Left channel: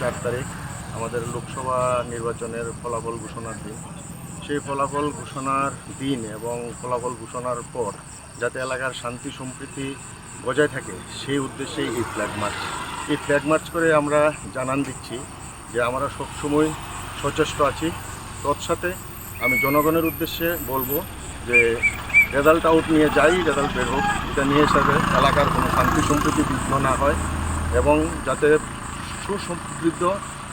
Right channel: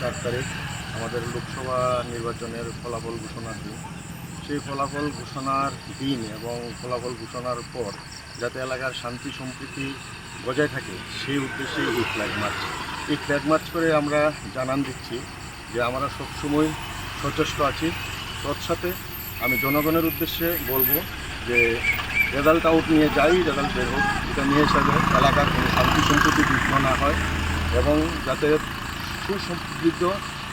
চার তারিখ আমাদের লোকসভা নির্বাচনের ফলাফল ঘোষণার দিন। সেই ফলাফল ঘোষণার দিন এবং ফলাফল ঘোষণার পর যাতে এলাকার শান্তি সম্প্রীতি বজায় থাকে, সেই উদ্দেশ্যে এই ফ্ল্যাগ মার্চ এই ফ্ল্যাগ মার্চ করে আমরা জানান দিচ্ছি যে আমরা সবসময় সচেষ্ট আছি। তৎসাথে আমি জনগণের উদ্দেশ্যে বলব যে রেজাল্ট আউট নিয়ে যাই, রেজাল্ট বের হোক। এটা নিয়ে যাতে এলাকার কোনো শান্তি সম্প্রীতি বিঘ্ন না হয় এবং যাতে সুসমৃদ্ধ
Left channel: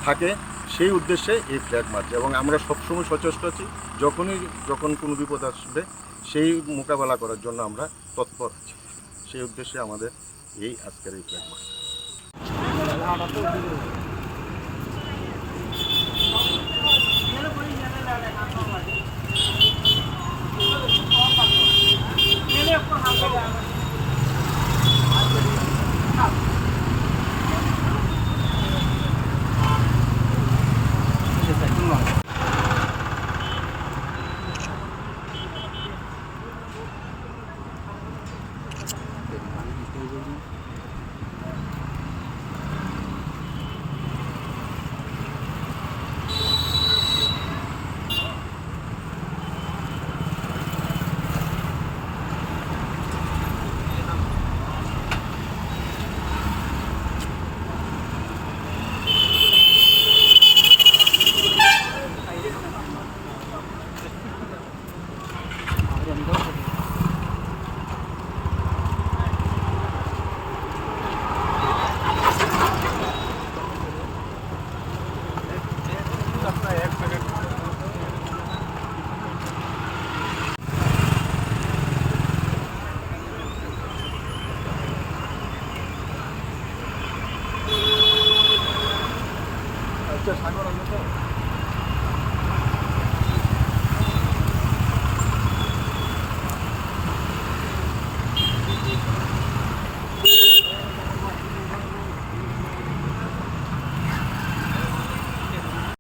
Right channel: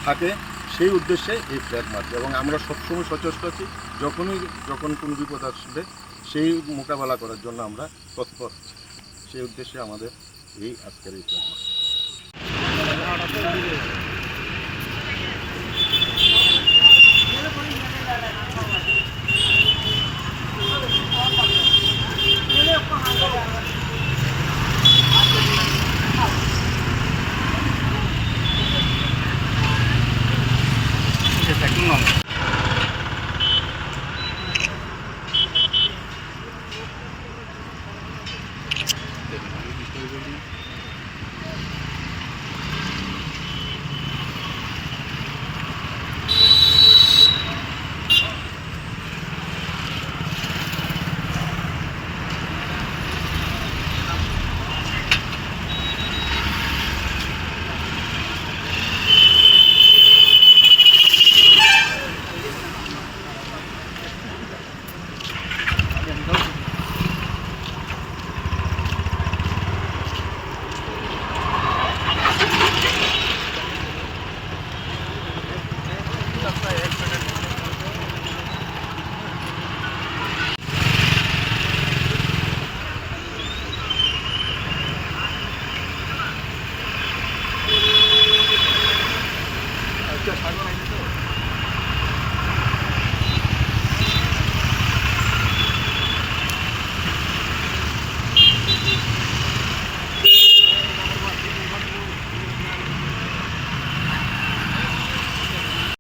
থাকে সেই উদ্দেশ্যে এই ফ্ল্যাগ মার্চ। এবং আমরা সবসময় সচেষ্ট আছি, যখনই, যখন কোনো বিপদ আসবে, সেই মোকাবেলা করার জন্য আমরা তৎপর আছি। সেই উদ্দেশ্যে আমাদের এই আজকের এই flag march. Video i Gracias.